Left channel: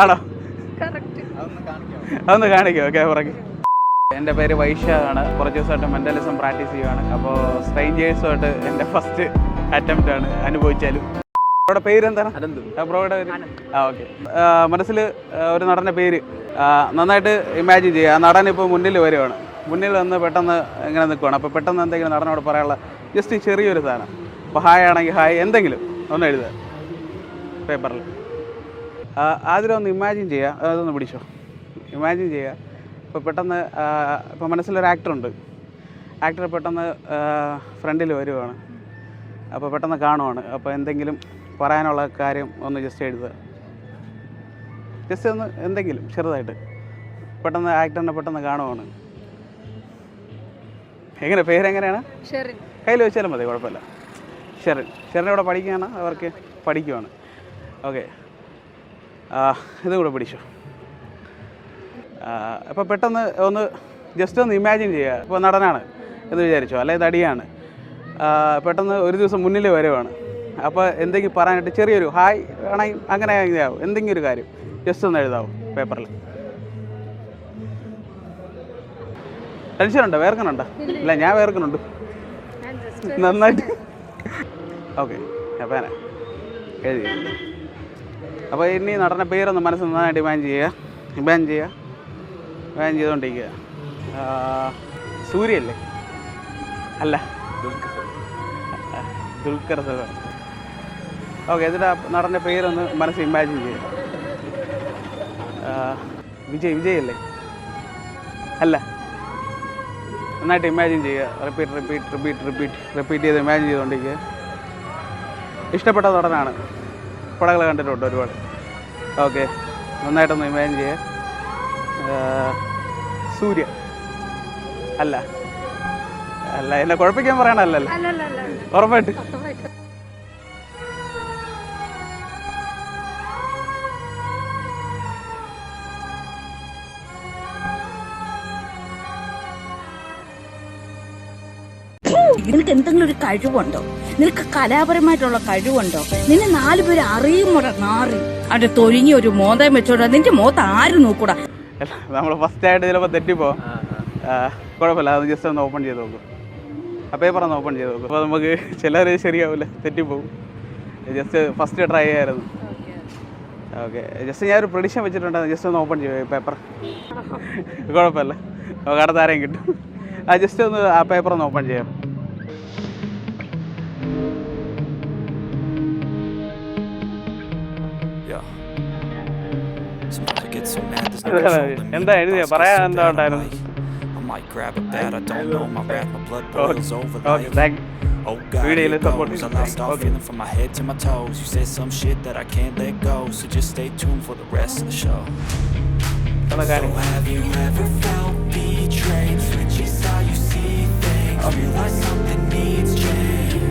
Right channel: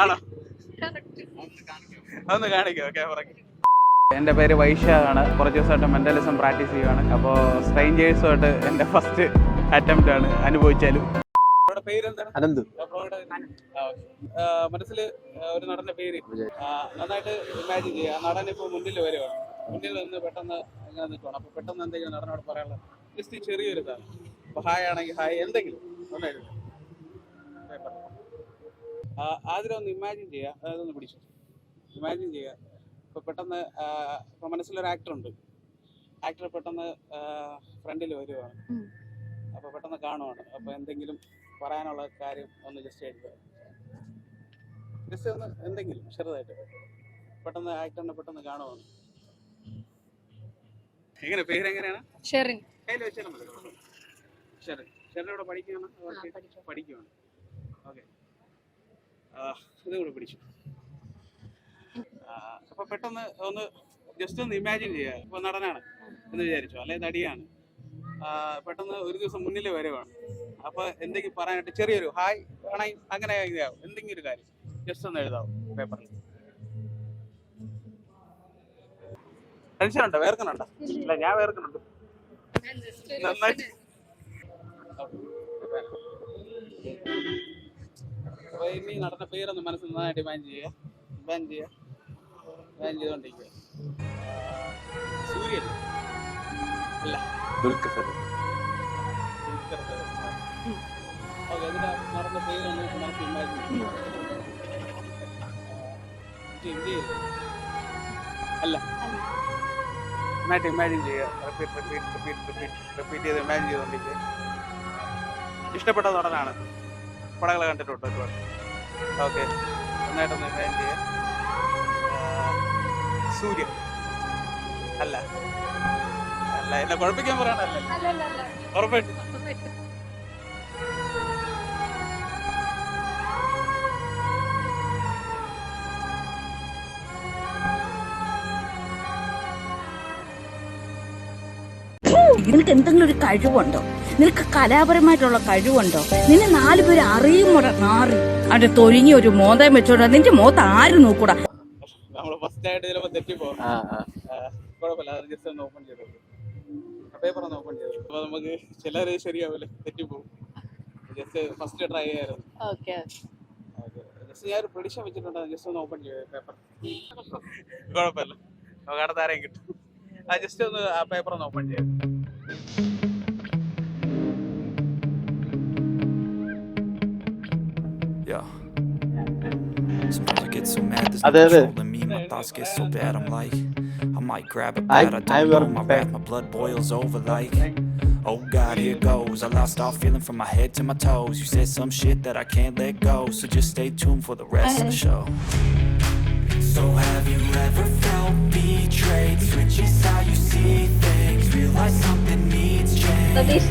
ആണോ? അതൊന്ന് കാണിക്കോ ക്യാമറയ്ക്ക്? എൻ്റെ പേര് വൈശാഖാണ്. കുറച്ച് ദിവസമായിട്ട് മെൻ്റലിസം പ്രാക്ടീസ് ചെയ്യുകയാണ്. അപ്പോൾ സ്ട്രേഞ്ചേഴ്സുമായിട്ട് എൻ്റെ ഫസ്റ്റ് അറ്റംപ്റ്റ് ആണ്. അനുഭവിച്ചാലും. അവരുടെ പേരെന്താണ്? ബ്രോയുടെ പേര്? ഓക്കെ. മനസ്സിൽ ഒരു നടൻ്റെ പേര് നന്നായിട്ട് ഇമാജിൻ ചെയ്യുക. ആ നടൻ ഇപ്പോൾ മുന്നിൽ വരുവാണ്. മുന്നിൽ വന്ന് പെട്ടെന്ന് ഇങ്ങനെ നിൽക്കുകയാണ്. അപ്പോൾ പെട്ടെന്ന് എന്തെങ്കിലും നടനോട് പറയാനുള്ള ജസ്റ്റ് ചെറിയൊരു സാധനം. അപ്പോൾ ഹായ് ആണെങ്കിൽ ഹായ് എന്തെങ്കിലും ഒന്ന് എഴുതുക പേപ്പറിൽ. ആദ്യം ഒന്ന് ഇമാജിൻ ചെയ്യുക. അതൊന്ന് പിടിച്ചോ. ഇമാജിൻ ചെയ്യുക. ഇപ്പോൾ പെട്ടെന്ന് ഇപ്പോൾ മനസ്സിലൊരു ആക്ടറുണ്ട്. ആക്ടർ പെട്ടെന്ന് ഫ്രണ്ടിൽ വരുവാണ്. അപ്പോൾ പെട്ടെന്ന് കാണുവാണ്. അപ്പോൾ എന്തെങ്കിലും പറയാനുള്ള കാര്യം ഒന്ന് ജസ്റ്റ് എഴുതുക. ജസ്റ്റ് ഒന്ന് എന്തെങ്കിലും ചെറുതായിട്ട്. പെട്ടെന്ന് ആക്ടറിനെ പെട്ടെന്ന് കാണുവാണ്. എങ്ങനെ പേരെങ്ങനെയാണ്? കയ്യിൽ വെച്ചാലും മതി, കുഴപ്പമില്ല. ഷെറിൻ ഇവിടെ പഠിക്കുകയാണ്. അവർക്ക് പഠിക്കുവാണ്. ഓക്കെ. ഇത് കൂടെ പിടിച്ചോ. അപ്പോൾ പെട്ടെന്ന് ഒന്ന് ജസ്റ്റ് ഒന്ന് ഇമാജിൻ ചെയ്യുക. ഇപ്പോൾ നടനാണ് എന്ന് വിചാരിച്ചോ, അല്ലെങ്കിൽ നടിയാണ്. പെട്ടെന്ന് ഒരു ദിവസം മുന്നിൽ വരുവാണ്. അപ്പോൾ എന്തെങ്കിലും പറയാനായിട്ട് ചെറിയൊരു ഹായ് വേണമെങ്കിൽ അങ്ങനെ ആവും. എന്തെങ്കിലും ഒരു കാര്യം ജസ്റ്റ് ഒന്ന് എഴുതാവും പേപ്പറിൽ. ടെൻഷനുണ്ടോ? വേർക്കുന്നുണ്ടോ? ഇല്ല, ഞാൻ വേർക്കുന്നുണ്ട് നന്നായിട്ട്. ഓക്കെ. അപ്പോൾ ഞാൻ എഴുതി. അപ്പോൾ ഇനി നടന്ന പേരൊന്ന് മനസ്സിൽ നന്നായിട്ട് ഇമാജിൻ ചെയ്തുകൊണ്ടിരിക്കുക. സൂര്യല്ലേ? അല്ല, ദുൽഖർ സൽമാൻ. ഓക്കെ. എന്നിട്ട് നടന്ന പേരൊന്ന് മനസ്സിൽ ഇമാജിൻ ചെയ്യുക. വിജയല്ലേ? അല്ല, നന്നായിട്ട് ഇമാജിൻ ചെയ്യുക. റിപ്പീറ്റ് ചെയ്ത് ഇമാജിൻ ചെയ്തുകൊണ്ടിരിക്കുക. ഇഷ്ടപ്പെട്ട നടനാണ്. പടങ്ങൾ കണ്ടിട്ടുണ്ട് ഒരുപാട്. ഓക്കെ. നന്നായിട്ടൊന്ന് ഇമാജിൻ ചെയ്യുക. സൂര്യ അല്ല, എന്നെ കുഴപ്പിക്കാൻ പറയണല്ലോ. ഉറപ്പായിട്ട്. നിനക്ക് എന്തെങ്കിലും ഒരു കഴിവുണ്ടോ? നിനക്ക് കലാപരമായിട്ടുള്ള കഴിവുണ്ടോ? നിന്നെ 4 പേര് അറിയുമോടാ നാറി? അവന്റെ തൊഴിഞ്ഞ ഒരു മോന്തം വെച്ചോടാ. നിന്റെ മോത്ത് ആര് നോക്കൂടാ? നമ്മൾ ഫസ്റ്റ് ആയിട്ട് ചിലപ്പോൾ തെറ്റിപ്പോവും. കുഴപ്പമില്ല. അത് ജസ്റ്റ് ഒന്ന് ഓപ്പൺ ചെയ്ത് നോക്കും. ആ പേപ്പർ ഒന്ന് ഓപ്പൺ ചെയ്ത് നോക്കും. അപ്പോൾ നമുക്ക് ചിലർ ശരിയാവില്ല, തെറ്റിപ്പോവും. ജസ്റ്റ് ഫസ്റ്റ് ട്രൈ ചെയ്യായിരുന്നു. ഓക്കെ. ജസ്റ്റ് ഞാനൊരു പ്രഡിക്ഷൻ വെച്ചിട്ടുണ്ടായിരുന്നു. ജസ്റ്റ് ഒന്ന് ഓപ്പൺ ചെയ്യുക പേപ്പർ. കുഴപ്പമില്ല, നമുക്ക് അടുത്ത ആരെയും കിട്ടും. ജസ്റ്റ് ഒന്ന് ആ പേപ്പർ ഒന്ന് ഓപ്പൺ ചെയ്യാം. എന്താ എഴുതിയ പറയാൻ എന്താ ഉണ്ടായിരുന്നു? Might grab a bat, I don't know, my wrath, my blood boils over like oh God, here goes. I lost all feeling from my head to my toes. You said some shit that I can't let go, so just stay tuned for the rest of the show. So have you ever felt betrayed? Switches how you see things, realize something needs change.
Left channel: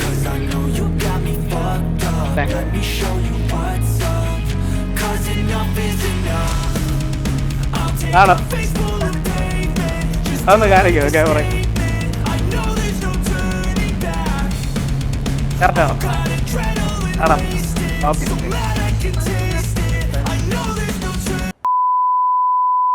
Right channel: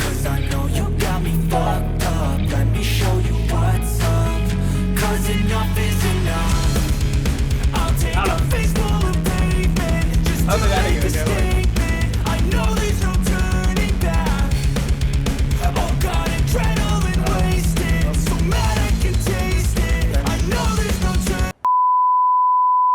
Cause I know you got me fucked up. Let me show you what's up. Cause enough is enough. I'll take a face full of pavement. Just I know there's no turning back. I've got adrenaline wasted. So mad I can taste it.